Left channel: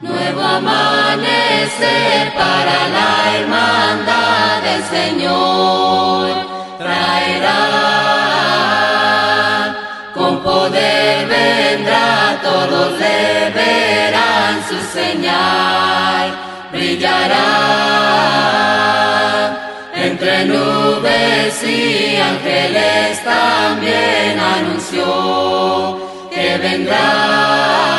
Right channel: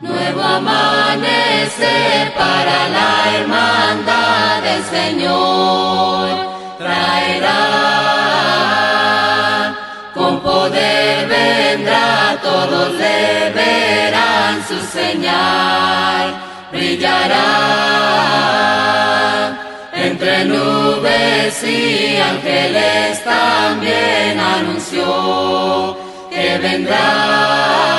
Nuevo amanecer para la hermandad del Señor traerá, con poder vendrá, todos le verán su señal, brillará entre nubes y ángeles también anunció que vendrá.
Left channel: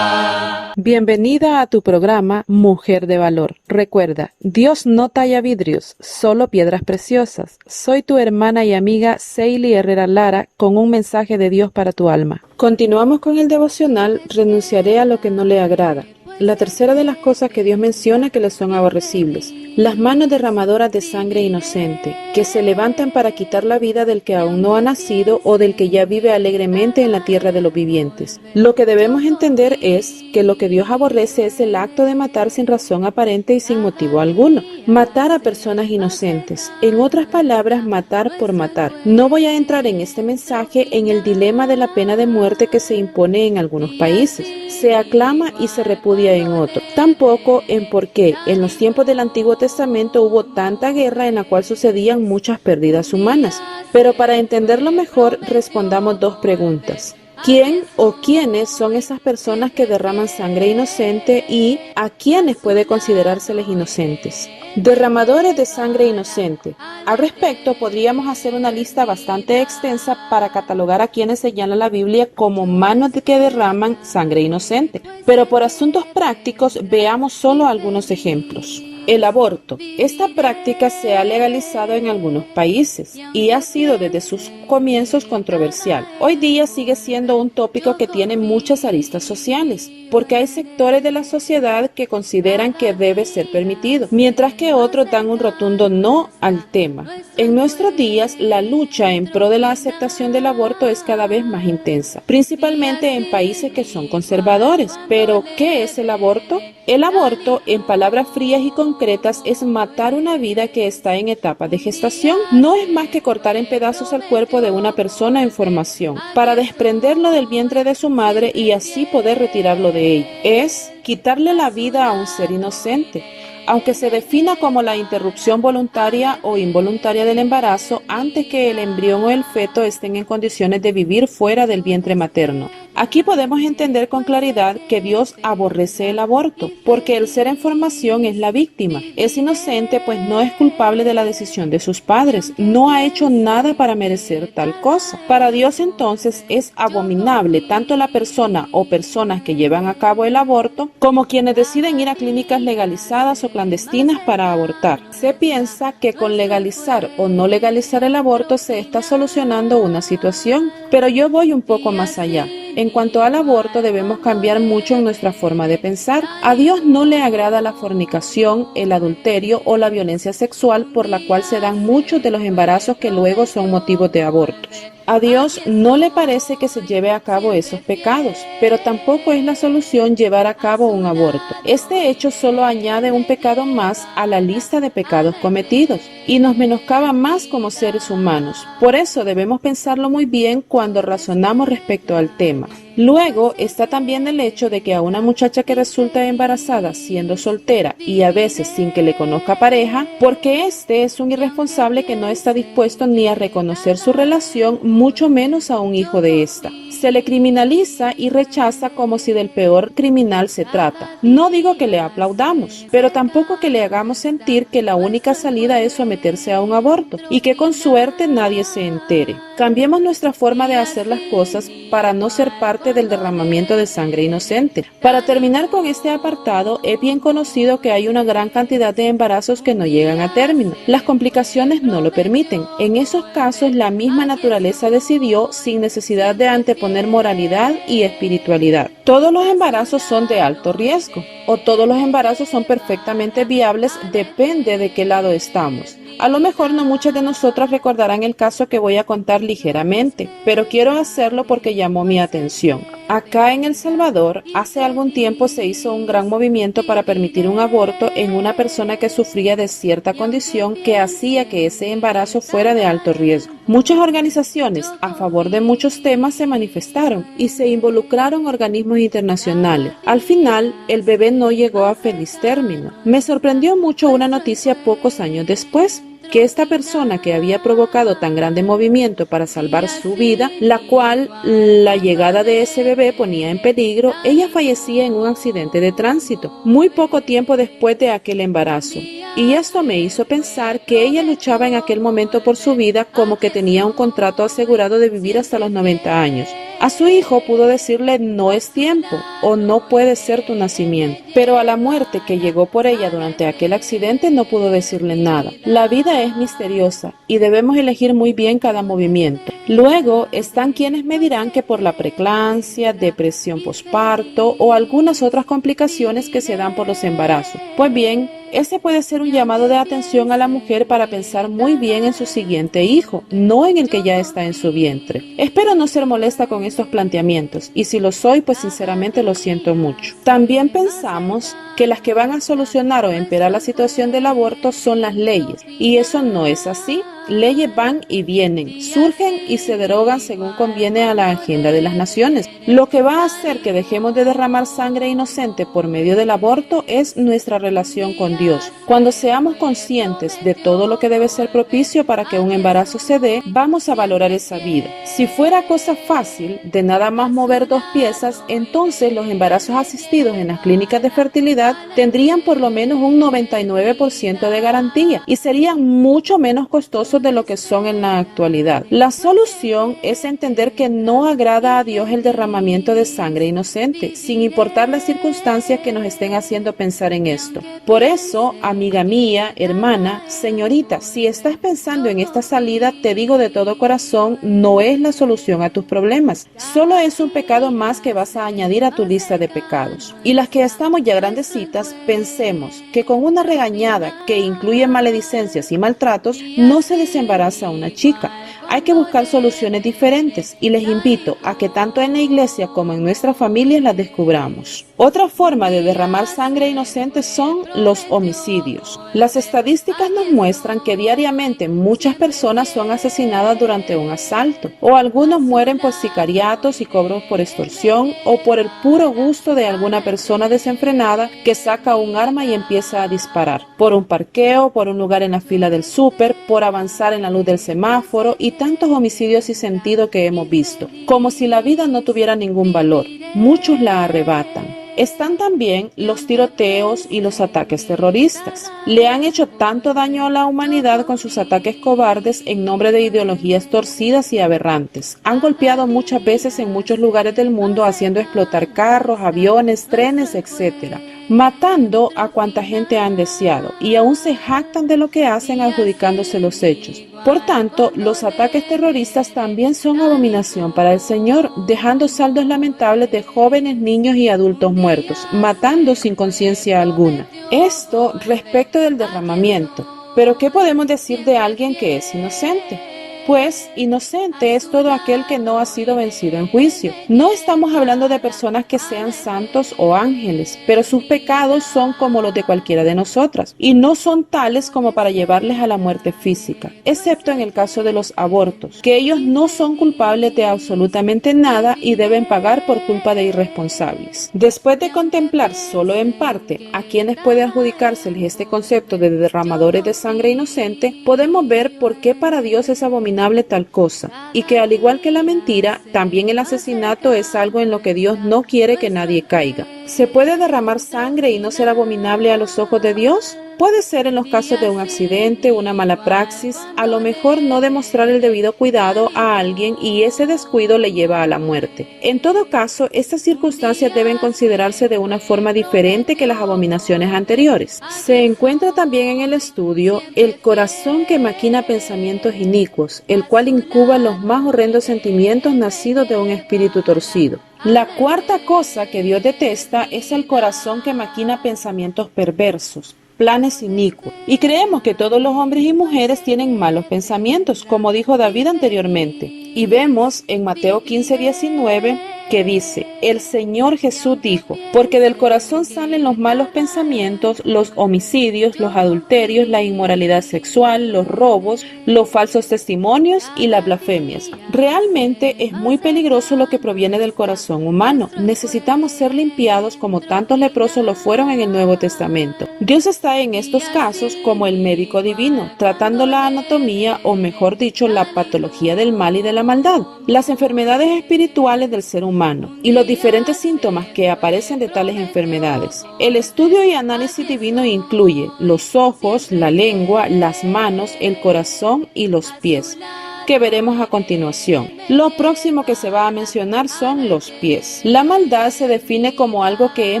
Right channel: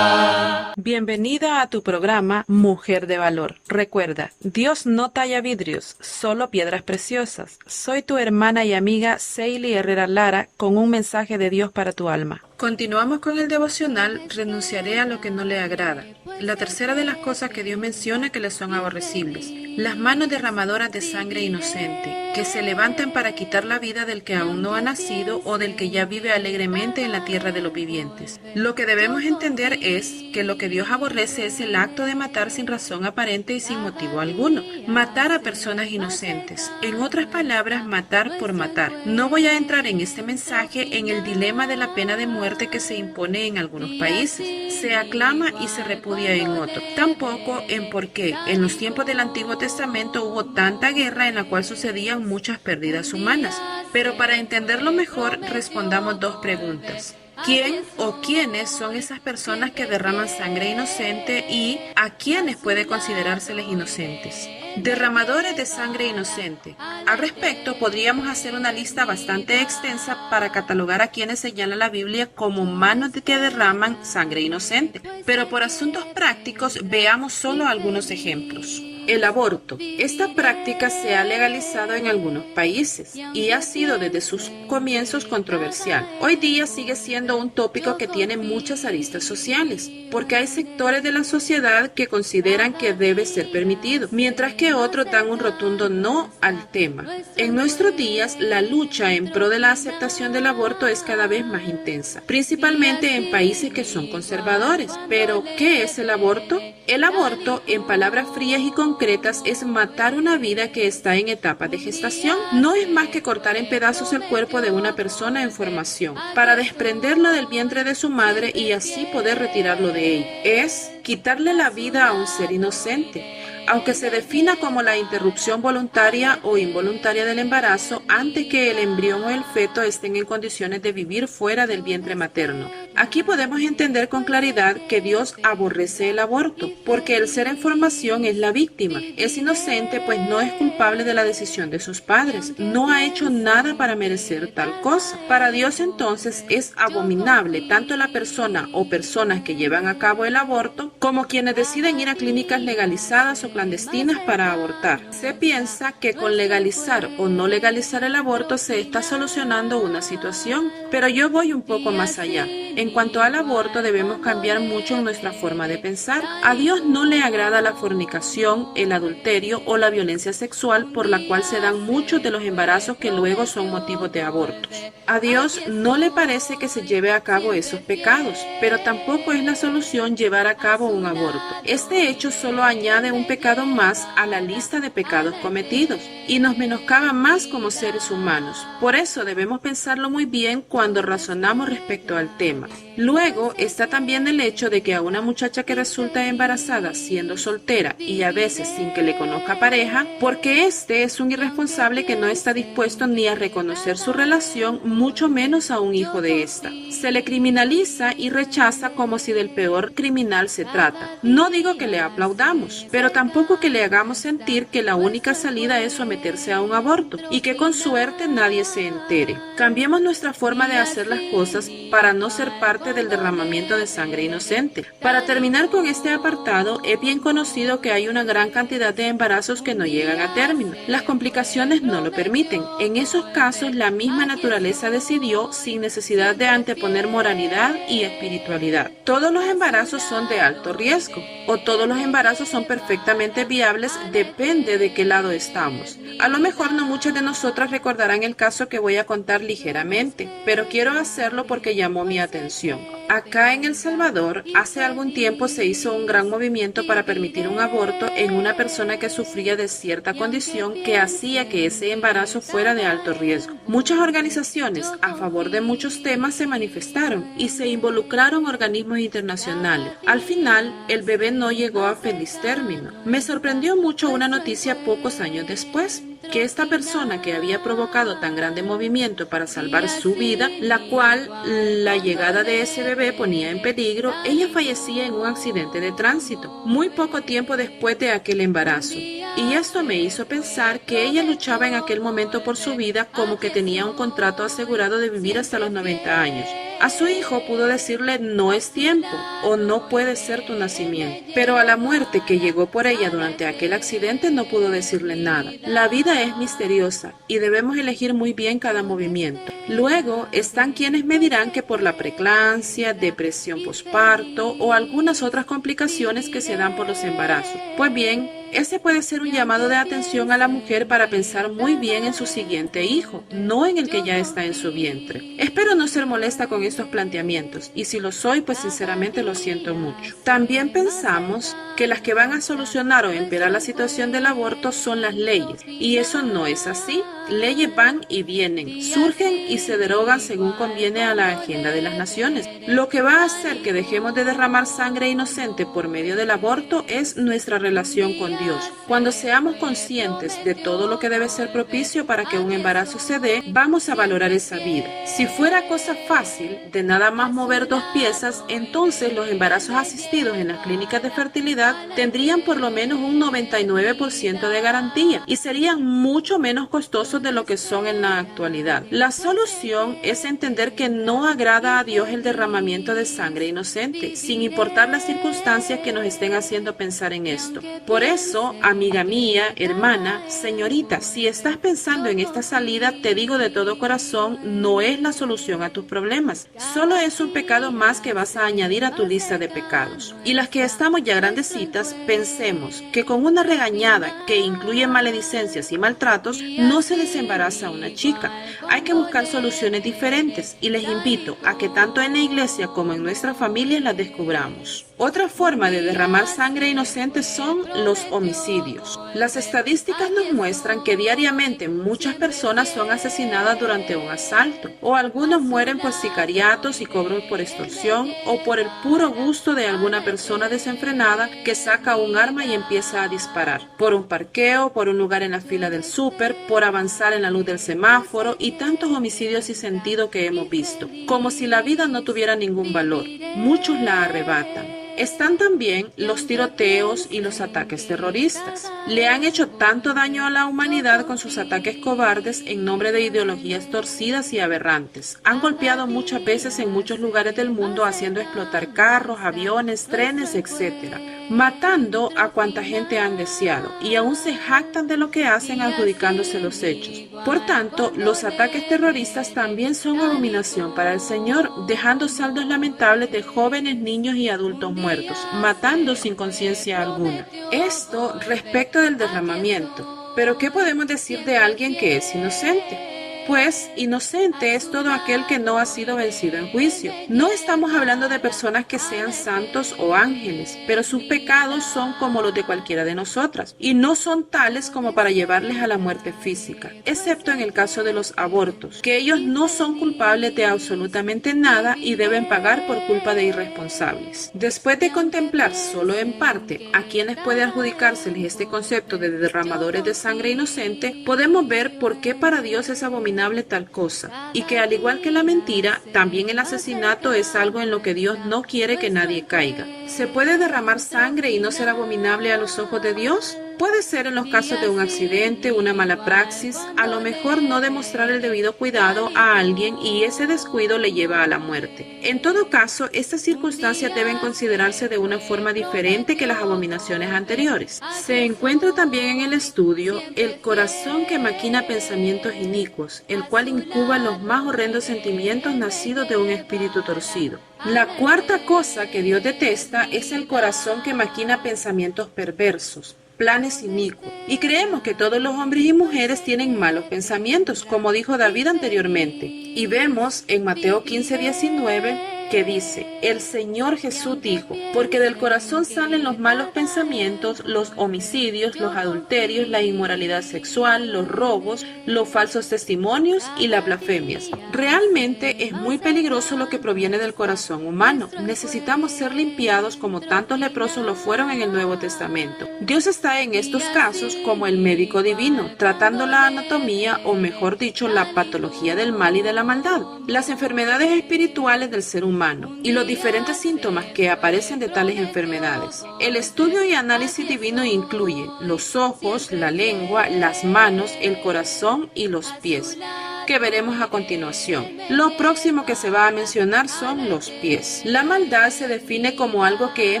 Bienvenida a tu programa Mujer de Valor. Recuerda, Dios no talla vidrios, solo piedras preciosas. Soy tu hermana y amiga Seili Herrera Lara con un mensaje de Dios para tu alma. Continuamos con el devocional Renunciaré a lo que no le agrada. La tercera de las cosas que Dios menciona que le son aborrecibles. Las manos derramadoras de sangre inocente, que se levantan para quitar la vida del que aún no ha nacido o del que ya vive alegremente en la tierra de los vivientes. Lo que debemos entender es que lo que Dios aborrece es el acto de matar sin razón aparente y sin motivo alguno. Matar a personas inocentes. En otras palabras, matar por matar. No voy a entrar en este mensaje en el dilema de la pena de muerte que se impone en algunos países. Se aclama y se repudia en otros. Tampoco en por qué en los tiempos del Antiguo Testamento hubo tanta guerra en la cual sucedían muchas pérdidas humanas. Pero para entenderlo mejor, respondamos dos preguntas. ¿Quién o quiénes son esas personas que derraman sangre inocente y a quiénes puede considerárseles inocentes? Derramadores de sangre inocente. Al respecto, podríamos hacer una lista bastante extensa para catalogar a quienes señala la Biblia como manos que derraman sangre inocente. Pero por asuntos prácticos, veamos solo algunos ejemplos. El aborto. Esta práctica se ha legalizado en algunos países y ha sido desde sus comienzos controversial. Hoy día sigue siendo un tópico que tiene muchas aristas sociales, porque hay sectores de la sociedad que consideran que debe ser permitido, mientras que otros dan un rotundo no al tema. En nuestros días, la lucha en pro de la aceptación del aborto es cada vez más intensa, principalmente en países que son conservadores. Pero, ¿qué es el aborto? El aborto, en palabras frías y concretas, es matar una vida que está en etapa de gestación. No es más que cortar en pedazos el cuerpo de una persona en formación, para desprenderlo del vientre de su madre y así poder retirarlo de ella. Es quitarle la vida a un ser inocente. Aunque se defina como la interrupción voluntaria o involuntaria del embarazo antes que el embrión o el feto estén en condiciones de vivir fuera del vientre materno. Aquí podemos entender con claridad que Dios aborrece el aborto, porque el ser en formación es la víctima. Es inocente, pues no es culpable de la decisión de sus padres. No ha hecho nada para merecer tal cosa. Para Dios entonces es abominable tanto la persona o personas que llevan a cabo el aborto, como quienes deciden ir a clínicas legalizadas o clandestinas para abortar. Se piensa que con legalizar o no legalizar el aborto se está solucionando una situación, pero yo voy un poco más allá. En cuanto al aborto, debemos cambiar mucho en nuestra forma de pensar. A Dios no le agrada la fornicación, el adulterio o la violencia sexual por la cual se dan muchos de los embarazos que luego son motivos de abortos. A Dios no le parece que se lleve a cabo esos pecados, pero tampoco es la solución llevar a cabo un aborto. Este hecho solo añade un pecado más a la lista de pecados cometidos y nos menoscaba más como seres humanos. Por eso debemos pensarlo muy bien cuando razonamos respecto al tema. Luego está también el hecho de que a una muchacha que resulta embarazada siendo soltera y a veces sin que le conozca pareja, porque este es un irresponsable que no está dispuesto ni a reconocer su relación, mucho menos a un hijo de esta. Se le criminaliza y rechaza como si del peor criminal se trata. No digo que le aplaudamos, pero tampoco que le hagamos sentir que la única salida es someterse a un aborto y que con suerte nadie se entere. Cambiemos nuestra forma de hacer las cosas para no ser parte del derramamiento de sangre inocente. Para terminar con este apartado, es bien conocido que hay una gran cantidad de embarazos que no llegan a término. Las complicaciones no lo permiten. En esos casos, la misma naturaleza decidió, sin necesidad de anteponer moralidad y espiritualidad. Todos los embarazos son de alto riesgo, o todos los embarazos son perfectamente viables, depende de qué lado estamos. A lo mejor no muchas de nosotras recordarán el caso que voy a contar ligeramente, pero quiero hacerlo porque llamó mi atención. Acá en El Salvador, hace algún tiempo se hizo un gran movimiento para permitir un aborto en una persona que sufría de cierta condición que hacía que ese embarazo fuera de alto riesgo. Muchas organizaciones a favor de muchos temas se manifestaron y se involucraron organismos internacionales. Al final, el bebé no llegó a feliz término. Me sorprendió mucho una noticia pocos años después, que esta persona que había provocado tan grande movimiento para salvar su vida, la cual la llegada de ese bebé ponía en peligro, ella fallecía en un accidente de tránsito, muy poco tiempo después de aquel embarazo. Y esto me hizo pensar que ella luchaba en aquel momento por su vida como que tenía un contrato asegurado de vivir hasta los 90 años. A su hijo pudo decirle no es tiempo o no puede ser tu nacimiento, pero a la muerte que llegó por ella durante aquel accidente no pudo decirle nada. La vida es misteriosa y debemos elegir muy bien cada movimiento. Luego están quienes me dirán que por la preeclampsia, depresión posparto o algunas otras complicaciones que se dan por los embarazos. Pues bien, ese puede ser un llamado de atención a la mujer para pensar muy bien en su siguiente hijo, no en el que ya está en su vientre. Espero no ser molesta con estos planteamientos, y si lo soy, pues sinceramente lo siento mucho. También pensamos que las que van a solucionar o empeorar la situación del aborto son las leyes, y eso no es así. Leyes van y vienen, surgen y se derogan según conviene a la agenda de las naciones. Lo que va a hacer que dejemos de derramar sangre inocente por medio del aborto es nuestra relación con Dios. Cuando seamos conscientes de todo lo que debe ser propicio para que un embarazo se dé, vamos a valorar esa vida. Si fuera cosa fácil, de nada más mover 2 piezas, entonces los embarazos asistidos en las clínicas de fertilidad tendrían por lo menos un 99% de garantía y serían mucho menos costosos de lo que son en la actualidad. La solución es entender que no agrada a Dios el derramamiento de sangre inocente, sin importar las circunstancias que nos estén haciendo pensar en esto. Por eso, amiga mía, hermana, señorita, si estás pensando en esta salida, te digo de todo corazón, no es la solución a tus problemas. Solo es un pecado más que vas a añadir a tu lista de pecados. Y las que estamos ya grandecitas, pensemos que con una regañada que incluye maledicencias y maltratos, no se desembaraza a una chica. Hay que buscar soluciones diferentes y les invito a que tanto en la iglesia como en nuestras familias las descubramos. Otra forma de derramar sangre inocente son los homicidios. Las estadísticas nos muestran que diariamente muchas personas son asesinadas durante un asalto, o algunos mueren por sicariatos y cobros por extorsión, o por el puro gusto de alguna persona desenfrenada que saca un arma y empieza a disparar, por un parqueo, por un lugar en la fila del súper, por avanzar en la luz del semáforo y tantos homicidios sin sentido que hemos visto, como si la vida no tuviera ningún valor. Muchos la arrebatan. Están también los tiroteos y los ataques terroristas. Le han hecho tanto daño a la humanidad con sus ataques cobardes en nombre de ideologías torcidas y aberrantes. Han golpeado muchas veces en muchos lugares del mundo haciendo explotar carros, aviones, trenes, etc., matando a cuanta gente han deseado, y aún se jactan de lo que hacen adjudicándose los hechos. Por tanto, los ataques terroristas también son abominación para el Señor, dejando saldos lamentables de jóvenes, niños y adultos muertos, matando sin conciencia alguna. Esto respecto del derramamiento. Pero ¿qué podemos decir de alguien que es inocente? Pues inocente es todo aquel que no ha sido vencido en juicio. No estamos hablando de personas que sean santos o ángeles, pero sus pecados son como los de cualquiera de nosotras, y no son tales como para llevarles a la muerte física, excepto en el caso de los abortos, que ellos no son culpables de absolutamente nada y deben pagar por culpa de irresponsables. Después de contemplar solo en parte a quienes puede adjudicárseles este concepto de derramadores de sangre inocente, podemos ver por qué para Dios es abominable tal cosa, y que al igual que la mentira, también el asesinato es algo en lo que Dios no quiere que nadie caiga. ¿Se puede derramar sangre y no ser abominable a los ojos de Dios? Puede ser en los casos de un accidente, una mala praxis, a lo mejor no demostrar el debido cuidado a alguien y ese descuido le lleva a la muerte. En todo caso, estas circunstancias deben considerarse de una forma diferente que las abominaciones anteriores. Se encuentra también en el estudio el corazón que maquina pensamientos inicuos, el cual incuba los más horrendos sentimientos nacidos de un espíritu torcido. La cuarta cosa que Dios detesta es el corazón que maquina pensamientos perversos, planes inicuos. Y creemos que todos los hombres y mujeres tienen malos pensamientos, como dijo David anteriormente. Y vemos en Mateo 15:19 que dice: el Señor Jesús dijo, porque del corazón salen los malos pensamientos, los homicidios, los adulterios, la inmoralidad sexual, los robos, los falsos testimonios y las blasfemias. Realmente es muy peligroso lo que proviene del corazón humano. Necesitamos ser limpiados como tantos leprosos lo fueron en el Nuevo Testamento. Dios está en estos casos como el médico divino, tratando la anatomía, o mejor dicho, la patología del mal y de la maldad, las enfermedades espirituales del ser humano y los diferentes síntomas que aparecen de tales enfermedades. El estudio y análisis divino incluye los ojos, la lengua, las manos, el corazón y los pies, que veremos a continuación. Lo próximo que se va a mencionar son los pies. La maldad se define como algo que es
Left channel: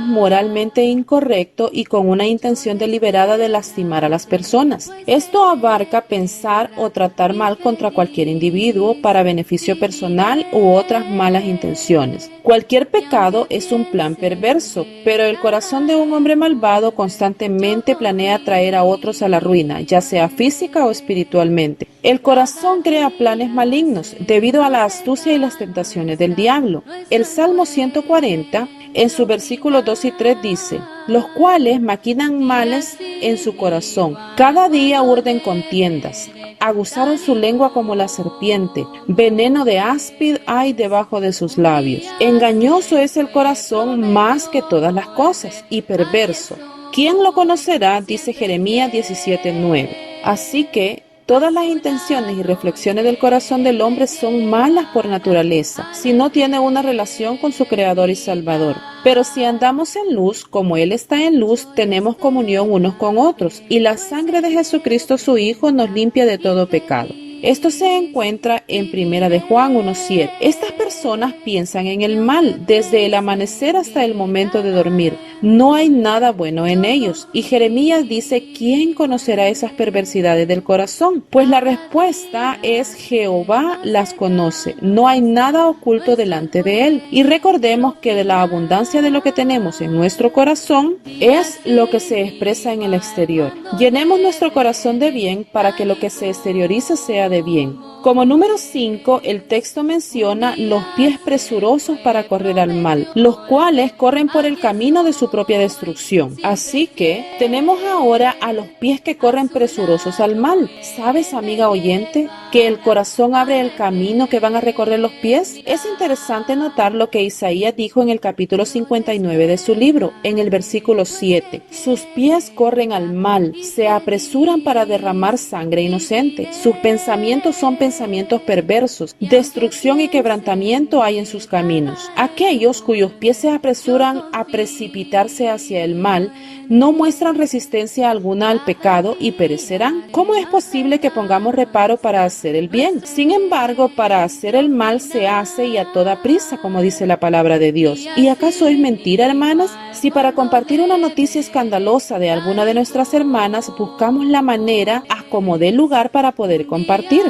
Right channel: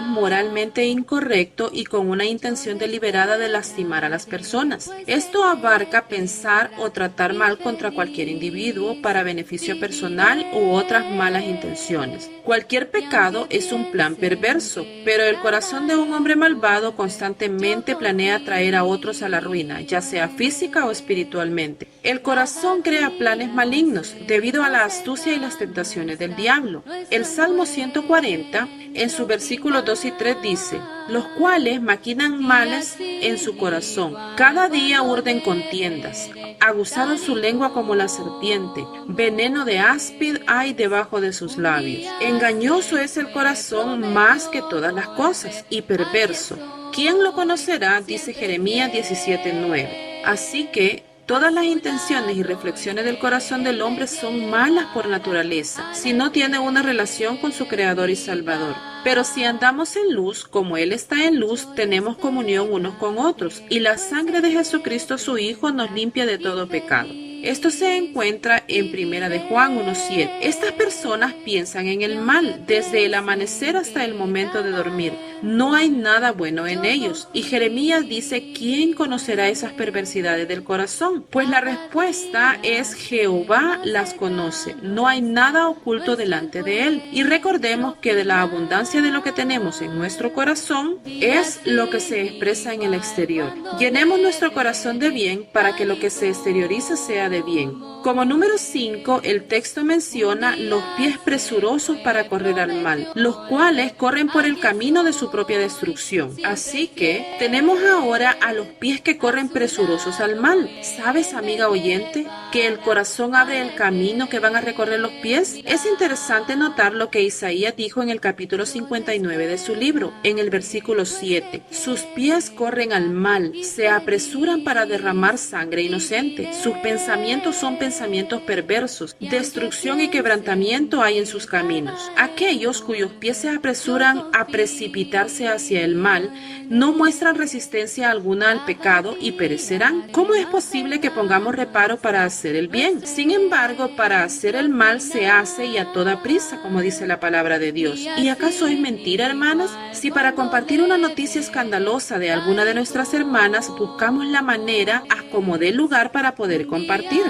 moralmente incorrecto y con una intención deliberada de lastimar a las personas. Esto abarca pensar o tratar mal contra cualquier individuo para beneficio personal u otras malas intenciones. Cualquier pecado es un plan perverso, pero el corazón de un hombre malvado constantemente planea traer a otros a la ruina, ya sea física o espiritualmente. El corazón crea planes malignos debido a la astucia y las tentaciones del diablo. El Salmo 140, en su versículos 2 y 3 dice: los cuales maquinan males en su corazón, cada día urden contiendas, aguzaron su lengua como la serpiente, veneno de áspid hay debajo de sus labios. Engañoso es el corazón más que todas las cosas, y perverso. ¿Quién lo conocerá? Dice Jeremías 17:9. Así que todas las intenciones y reflexiones del corazón del hombre son malas por naturaleza, si no tiene una relación con su Creador y Salvador. Pero si andamos en luz, como Él está en luz, tenemos comunión unos con otros, y la sangre de Jesucristo su Hijo nos limpia de todo pecado. Esto se encuentra en 1 de Juan 1:7. Estas personas piensan en el mal desde el amanecer hasta el momento de dormir. No hay nada bueno en ellos. Y Jeremías dice: ¿quién conocerá esas perversidades del corazón? Pues la respuesta es: Jehová las conoce. No hay nada oculto delante de Él. Y recordemos que de la abundancia de lo que tenemos en nuestro corazón es lo que se expresa en el exterior. Llenemos nuestro corazón de bien para que lo que se exteriorice sea de bien. Como número 5, el texto menciona los pies presurosos para correr al mal, los cuales corren por el camino de su propia destrucción. Así que tenemos ahora a los pies que corren presurosos al mal. ¿Sabes, amiga oyente, que el corazón abre el camino que van a recorrer los pies? Es interesante notar lo que Isaías dijo en el capítulo 59 de su libro, en el versículo 7. Sus pies corren al mal, se apresuran para derramar sangre inocente. Sus pensamientos son pensamientos perversos, destrucción y quebrantamiento hay en sus caminos. Aquellos cuyos pies se apresuran a precipitarse hacia el mal no muestran resistencia alguna al pecado y perecerán. ¿Cómo es posible que pongamos reparo para hacer el bien? Sin embargo, para hacer el mal se hace y a toda prisa, como dice la palabra de Dios. ¿Y acaso es mentira, hermanas? Si para compartir una noticia escandalosa de alguna de nuestras hermanas buscamos la manera a como dé lugar para poder compartir.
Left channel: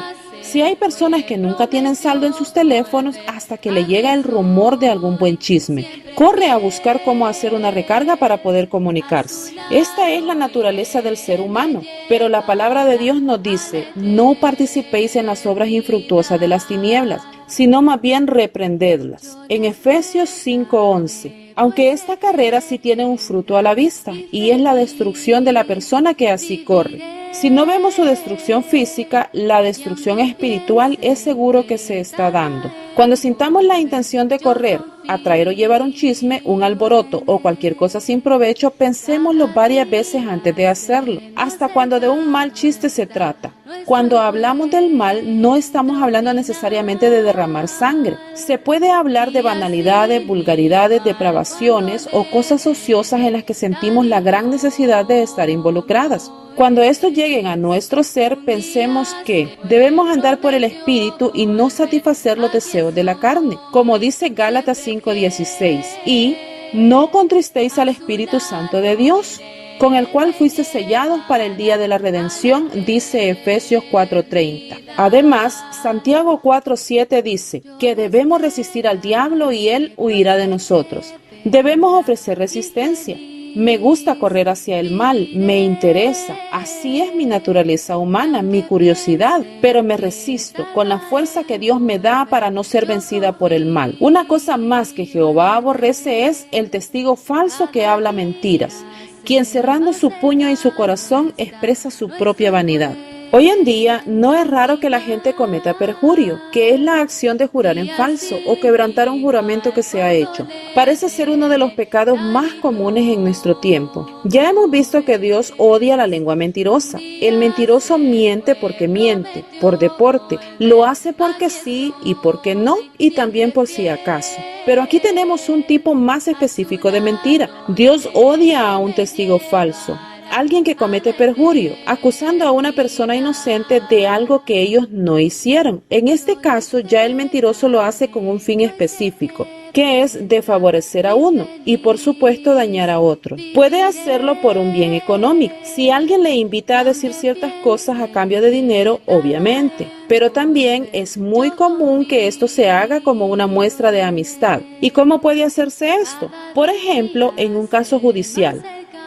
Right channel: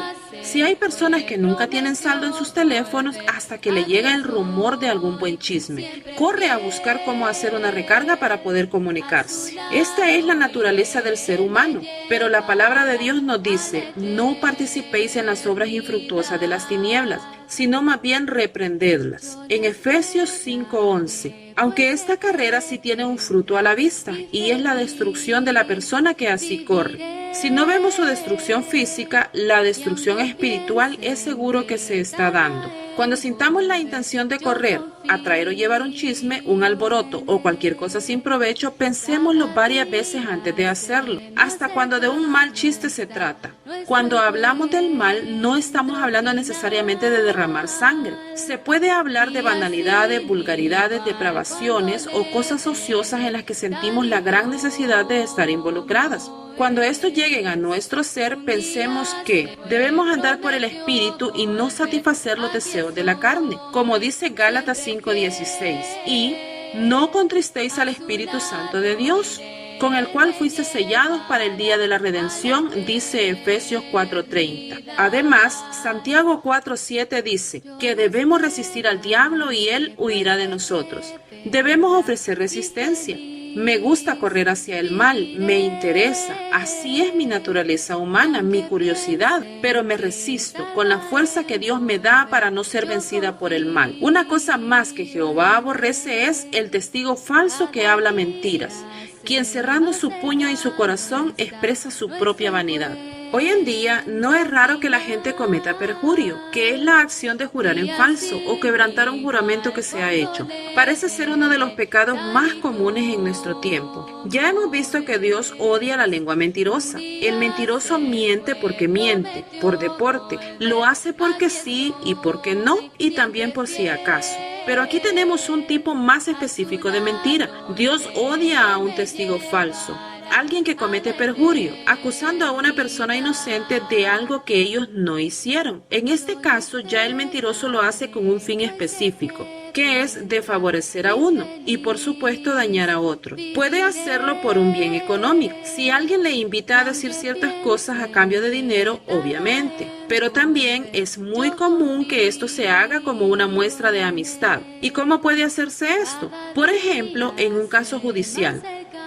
Si hay personas que nunca tienen saldo en sus teléfonos hasta que le llega el rumor de algún buen chisme, corre a buscar cómo hacer una recarga para poder comunicarse. Esta es la naturaleza del ser humano, pero la palabra de Dios nos dice: no participéis en las obras infructuosas de las tinieblas, sino más bien reprendedlas. En Efesios 5:11. Aunque esta carrera sí tiene un fruto a la vista, y es la destrucción de la persona que así corre. Si no vemos su destrucción física, la destrucción espiritual es seguro que se está dando. Cuando sintamos la intención de correr, atraer o llevar un chisme, un alboroto o cualquier cosa sin provecho, pensémoslo varias veces antes de hacerlo, hasta cuando de un mal chiste se trata. Cuando hablamos del mal, no estamos hablando necesariamente de derramar sangre. Se puede hablar de banalidades, vulgaridades, depravaciones o cosas ociosas en las que sentimos la gran necesidad de estar involucradas. Cuando estos lleguen a nuestro ser, pensemos que debemos andar por el Espíritu y no satisfacer los deseos de la carne, como dice Gálatas 5:16, y no contristéis al Espíritu Santo de Dios, con el cual fuiste sellados para el día de la redención, dice Efesios 4:30. Además, Santiago 4:7 dice que debemos resistir al diablo y él huirá de nosotros. Debemos ofrecer resistencia. Me gusta correr hacia el mal, me interesa. Así es mi naturaleza humana, mi curiosidad, pero me resisto con la fuerza que Dios me da para no ser vencida por el mal. Una cosa más que Jehová aborrece es el testigo falso que habla mentiras, quien cerrando su puño y su corazón expresa su propia vanidad. Hoy en día no es raro que la gente cometa perjurio, que es la acción de jurar en falso o quebrantar un juramento que se ha hecho. Parece ser uno de los pecados más comunes en nuestro tiempo. Ya hemos visto que Dios odia la lengua mentirosa. El mentiroso miente porque miente, por deporte, lo hace porque sí y porque no, y también por si acaso. Pero aquí tenemos un tipo más específico de mentira. Dios odia a un testigo falso. Alguien que comete perjurio, acusando a una persona inocente de algo que ellos no hicieron. En este caso, ya el mentiroso lo hace con un fin específico, que es de favorecer a uno y, por supuesto, dañar a otro. Puede hacerlo por un bien económico. Si alguien le invita a decir ciertas cosas a cambio de dinero, obviamente. Pero también es muy común que esto se haga como una muestra de amistad. ¿Y cómo puede hacerse esto? Por ejemplo, en un caso judicial.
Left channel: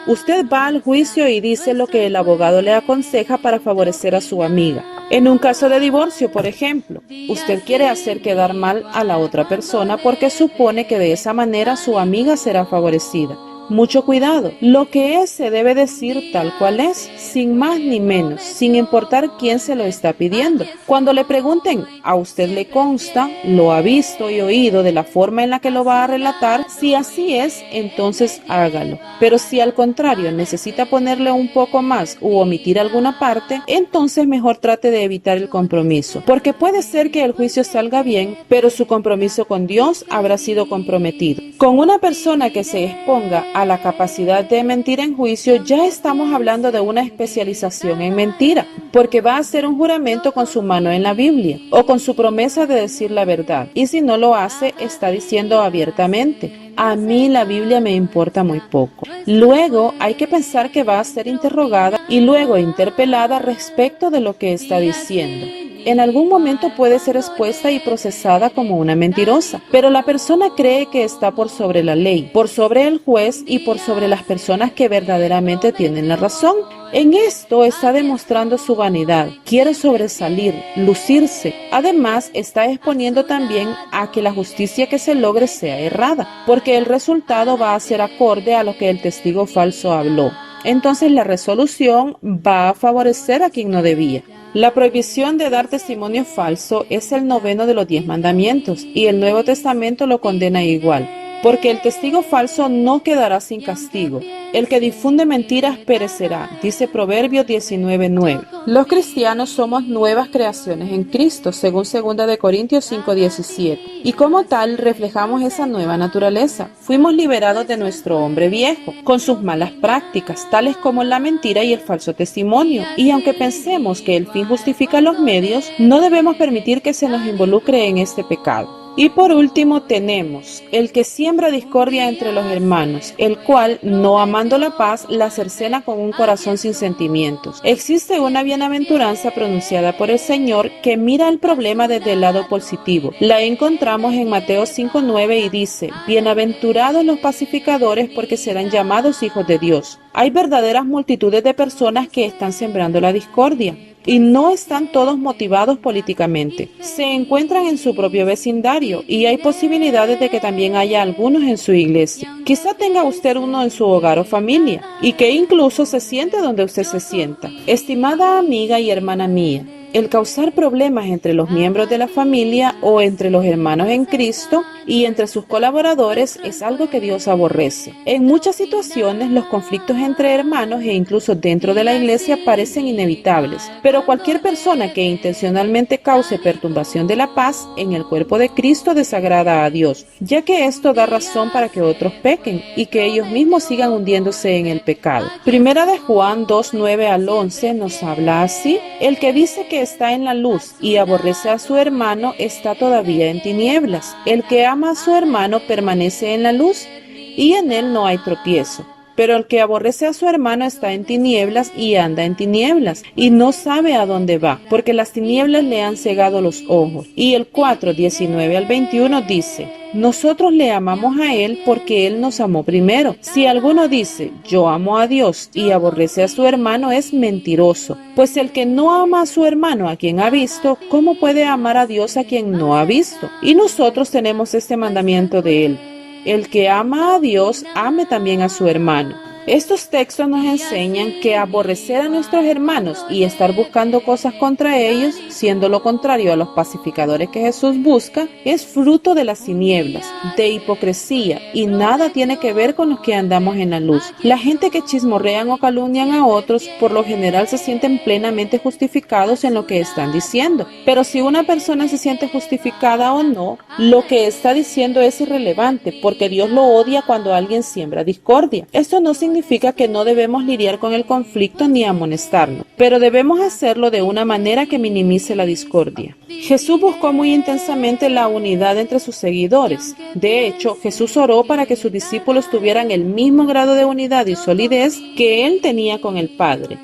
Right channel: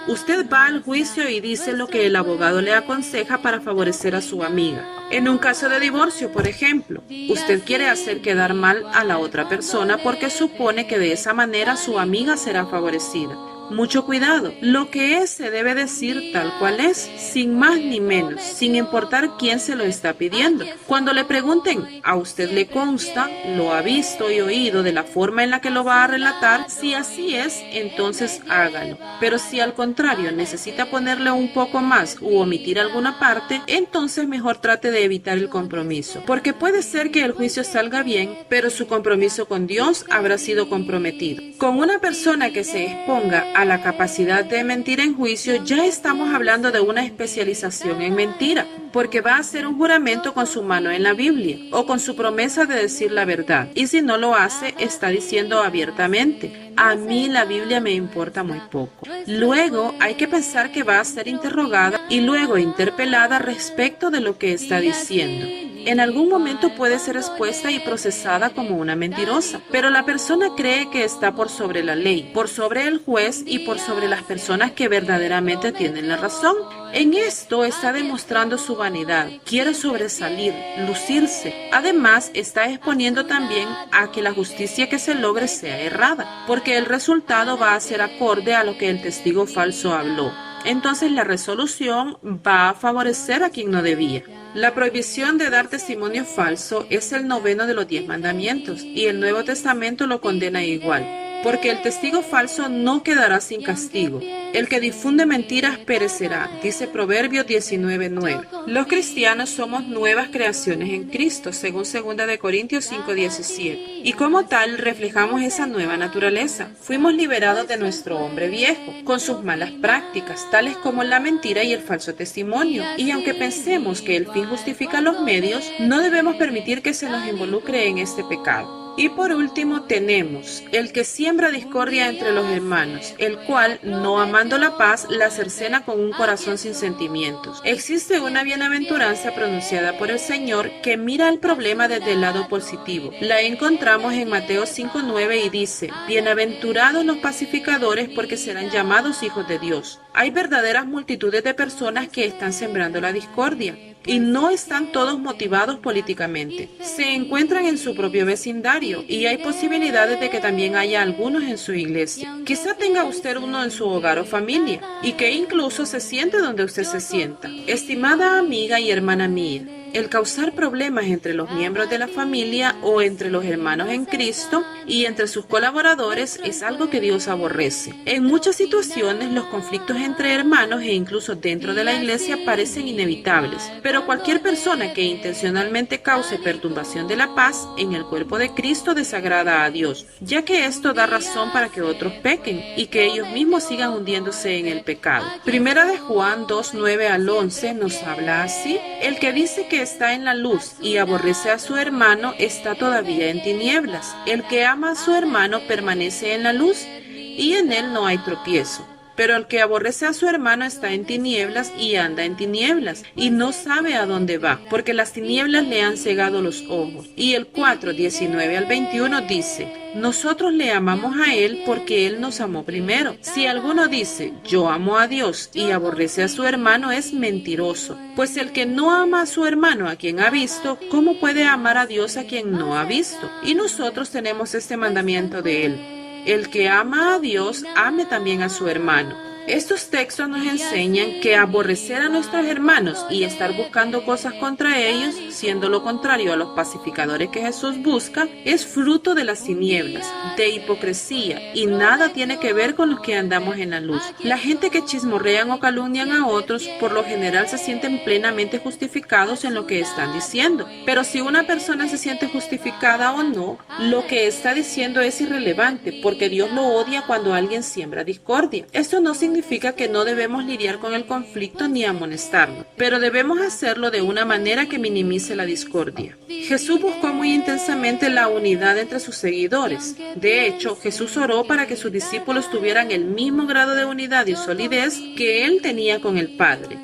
Usted va al juicio y dice lo que el abogado le aconseja para favorecer a su amiga. En un caso de divorcio, por ejemplo, usted quiere hacer quedar mal a la otra persona porque supone que de esa manera su amiga será favorecida. Mucho cuidado, lo que es se debe decir tal cual es, sin más ni menos, sin importar quién se lo está pidiendo. Cuando le pregunten, ¿a usted le consta, lo ha visto y oído de la forma en la que lo va a relatar? Si así es, entonces hágalo. Pero si al contrario necesita ponerle un poco más u omitir alguna parte, entonces mejor trate de evitar el compromiso, porque puede ser que el juicio salga bien, pero su compromiso con Dios habrá sido comprometido. Con una persona que se exponga a la capacidad de mentir en juicio, ya estamos hablando de una especialización en mentira, porque va a hacer un juramento con su mano en la Biblia o con su promesa de decir la verdad, y si no lo hace, está diciendo abiertamente: a mí la Biblia me importa muy poco. Luego hay que pensar que va a ser interrogada y luego interpelada respecto de lo que está diciendo. En algún momento puede ser expuesta y procesada como una mentirosa, pero la persona cree que está por sobre la ley, por sobre el juez y por sobre las personas que verdaderamente tienen la razón. En esto está demostrando su vanidad, quiere sobresalir, lucirse. Además, está exponiendo también a que la justicia que se logre sea errada, porque el resultado va a ser acorde a lo que el testigo falso habló. Entonces la resolución va a favorecer a quien no debía. La prohibición de dar testimonio falso es el 9º de los 10 mandamientos y el Nuevo Testamento lo condena igual. Porque el testigo falso no quedará sin castigo. El que difunde mentiras perecerá, dice Proverbios 19:9. Los cristianos somos nuevas creaciones en Cristo, según 2 de Corintios 5:17. Y como tal, reflejamos esa nueva naturaleza. Fuimos liberados de nuestro hombre viejo, con sus malas prácticas, tales como la mentira y el falso testimonio. Y aunque pensemos que el fin justifica los medios, no debemos permitir que se nos involucre en este pecado. Y por último tenemos el que siembra discordia entre los hermanos, el cual, no amando la paz, la cercena con un corazón sin sentimientos. Existe una bienaventuranza pronunciada por el Señor que mira el problema desde el lado positivo. La encontramos en Mateo 5:9 y dice: bienaventurados los pacificadores, porque serán llamados hijos de Dios. Hay verdaderas multitudes de personas que están sembrando la discordia. Y no están todos motivados políticamente. Se encuentran en su propio vecindario y hay posibilidades de que también haya algunos en su iglesia. Quizá tenga usted uno en su hogar o familia y que incluso se siente donde usted se sienta. Estimada amiga y hermana mía, el causar problemas entre los miembros de la familia o entre los hermanos en Cristo y entre sus colaboradores es algo que Dios aborrece. En muchas situaciones los conflictos entre hermanos e incluso dentro de la iglesia parecen inevitables, pero cualquier persona que intencionalmente cause perturbación de la paz en el cuerpo de Cristo desagrada a Dios, ya que esto da razón para que otros pequen y que ellos mismos sigan hundiéndose en el pecado. Primera de Juan 2:9 al 11 nos habla así: el que dice que está en la luz y aborrece a su hermano está todavía en tinieblas. El que ama a su hermano permanece en la luz y en él no hay tropiezo. pero el que aborrece a su hermano está en tinieblas y anda en tinieblas, y no sabe a dónde va, porque las tinieblas le han cegado los ojos. Y el 4:19-21 dice: nosotros le amamos a Él porque Él nos amó primero. Si alguno dice, yo amo a Dios, y aborrece a su hermano, es mentiroso. Pues el que no ama a su hermano a quien ha visto, ¿cómo puede amar a Dios a quien no ha visto? Y nosotros tenemos este mandamiento de Él: el que ama a Dios, ame también a su hermano. Estos textos nos enseñan que aborrecer a nuestros hermanos y estar buscando cosas contra ellos, siendo lo contrario a los pacificadores que Jesús busca, es fruto de las tinieblas, de hipocresía, y nada tiene que ver con los que andamos en la luz. La gente que chismorrean o calumnian a otros, por lo general se sienten plenamente justificados en lo que están diciendo. Pero si una persona se siente justificada o no, lo que está diciendo es irrelevante, porque Dios lo odia cuando alguien siembra discordia. Esto no significa que no debemos lidiar con el conflicto ni amonestarlo, pero debemos hacerlo de una manera que minimice la discordia. Jesús buscó muy intensamente la unidad entre sus seguidores. De hecho, Jesús oró para que sus discípulos tuvieran el mismo grado de unidad y solidez que Él tenía con el Padre.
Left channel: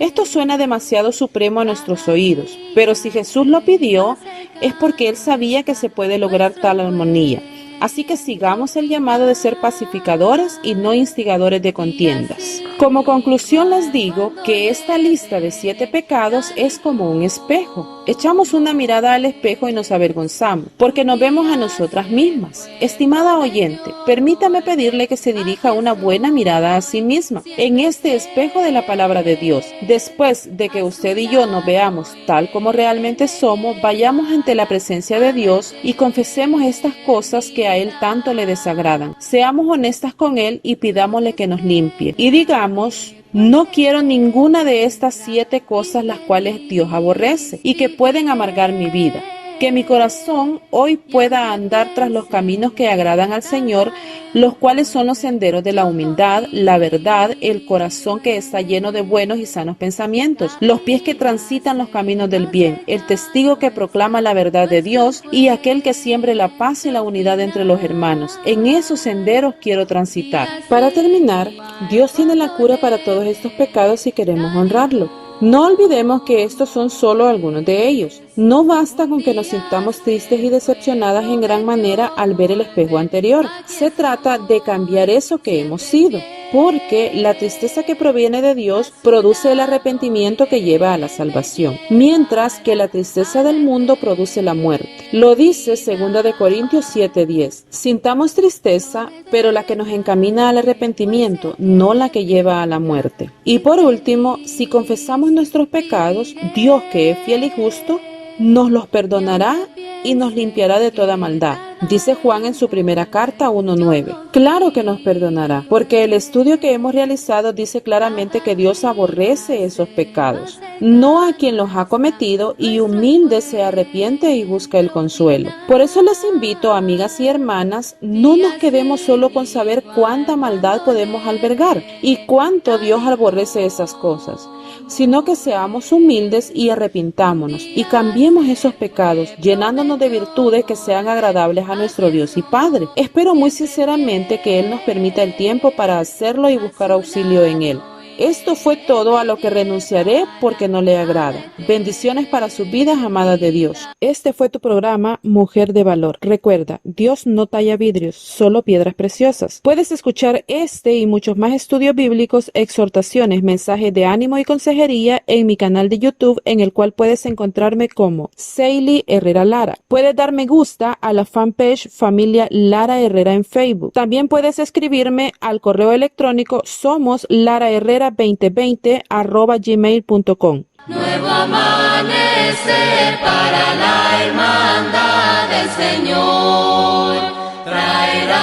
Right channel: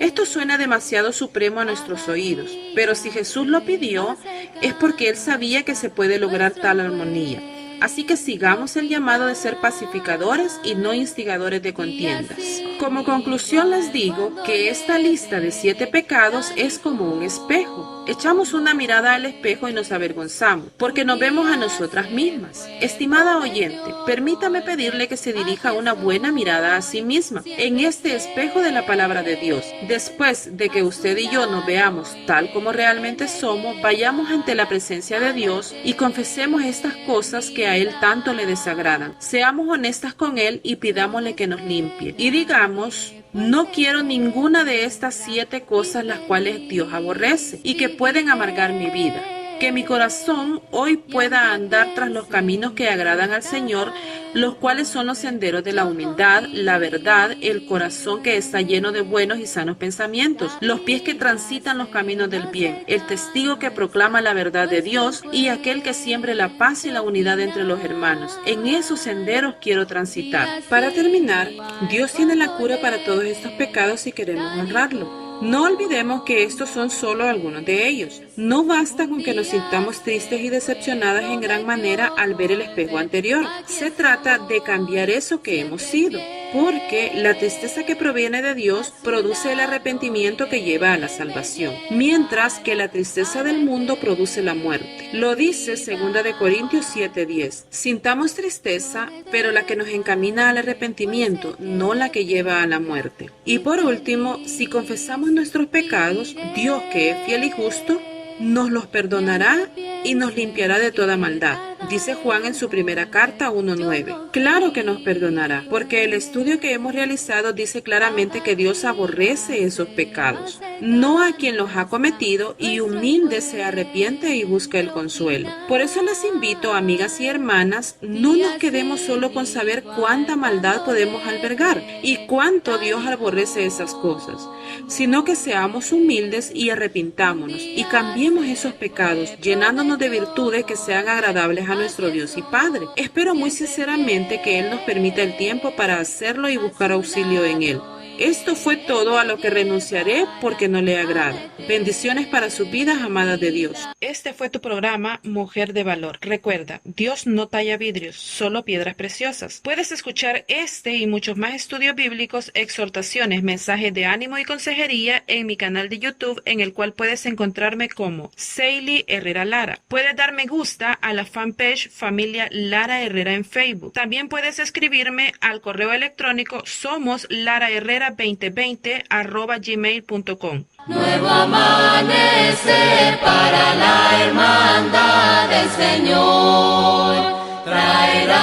Esto suena demasiado supremo a nuestros oídos, pero si Jesús lo pidió, es porque Él sabía que se puede lograr tal armonía. Así que sigamos el llamado de ser pacificadores y no instigadores de contiendas. Como conclusión les digo que esta lista de 7 pecados es como un espejo. Echamos una mirada al espejo y nos avergonzamos, porque nos vemos a nosotras mismas. Estimada oyente, permítame pedirle que se dirija una buena mirada a sí misma, en este espejo de la palabra de Dios. Después de que usted y yo nos veamos tal como realmente somos, vayamos ante la presencia de Dios y confesemos estas cosas que a Él tanto le desagradan. Seamos honestas con Él y pidámosle que nos limpie. Y digamos: no quiero ninguna de estas 7 cosas las cuales Dios aborrece y que pueden amargar mi vida. Que mi corazón hoy pueda andar tras los caminos que agradan al Señor, los cuales son los senderos de la humildad, la verdad, el corazón que está lleno de buenos y sanos pensamientos, los pies que transitan los caminos del bien, el testigo que proclama la verdad de Dios y aquel que siembre la paz y la unidad entre los hermanos. En esos senderos quiero transitar. Para terminar, Dios tiene la cura para todos estos pecados si queremos honrarlo. No olvidemos que estos son solo algunos de ellos. No basta con que nos sintamos tristes y decepcionadas en gran manera al ver el espejo anterior. Se trata de cambiar eso que hemos sido, porque la tristeza que proviene de Dios produce el arrepentimiento que lleva a la salvación, mientras que la tristeza del mundo produce la muerte. Lo dice 2 de Corintios 7:10. Sintamos tristeza, pero la que nos encamina al arrepentimiento, no la que lleva a la muerte. Y por último, si confesamos nuestros pecados, Dios, que es fiel y justo, nos los perdonará y nos limpiará de toda maldad. Dice Juan en su primera carta 1:9. Claro que nos perdonará, porque el estudio que hemos realizado dice claramente que Dios aborrece esos pecados, no a quien los ha cometido, y humilde se arrepiente y busca el consuelo. Por eso les invito, amigas y hermanas, no nos quedemos solo con saber cuánta maldad podemos albergar y cuánto Dios aborrece esas cosas, sino que seamos humildes y arrepintámonos y cambiemos esos pecados, llenándonos de virtudes que sean agradables a nuestro Dios y Padre. Espero muy sinceramente que Él nos permita el tiempo para hacerlo y buscar auxilio en Él. Esto fue todo a lo que renunciaré porque no le agrada. Bendiciones para sus vidas, amadas de Dios. Este fue tu programa Mujer de Valor. Recuerda, Dios no talla vidrios, solo piedras preciosas. Puedes escuchar este y muchos más estudios bíblicos, exhortaciones, mensajes de ánimo y consejería en mi canal de YouTube, en el cual puedes encontrarme como Seili Herrera Lara. Puedes dar me gusta a la fanpage Familia Lara Herrera en Facebook. También puedes escribirme al correo electrónico somosLaraHerrera2020@gmail.com. Nuevo amanecer para la hermandad del Señor traerá,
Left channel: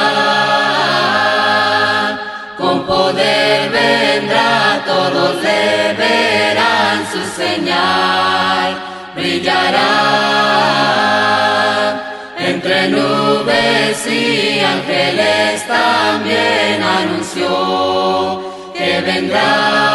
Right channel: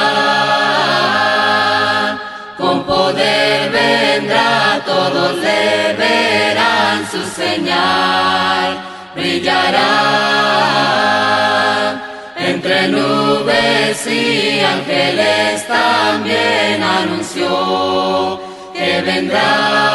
con poder vendrá, todos le verán su señal, brillará entre nubes y ángeles también anunció que vendrá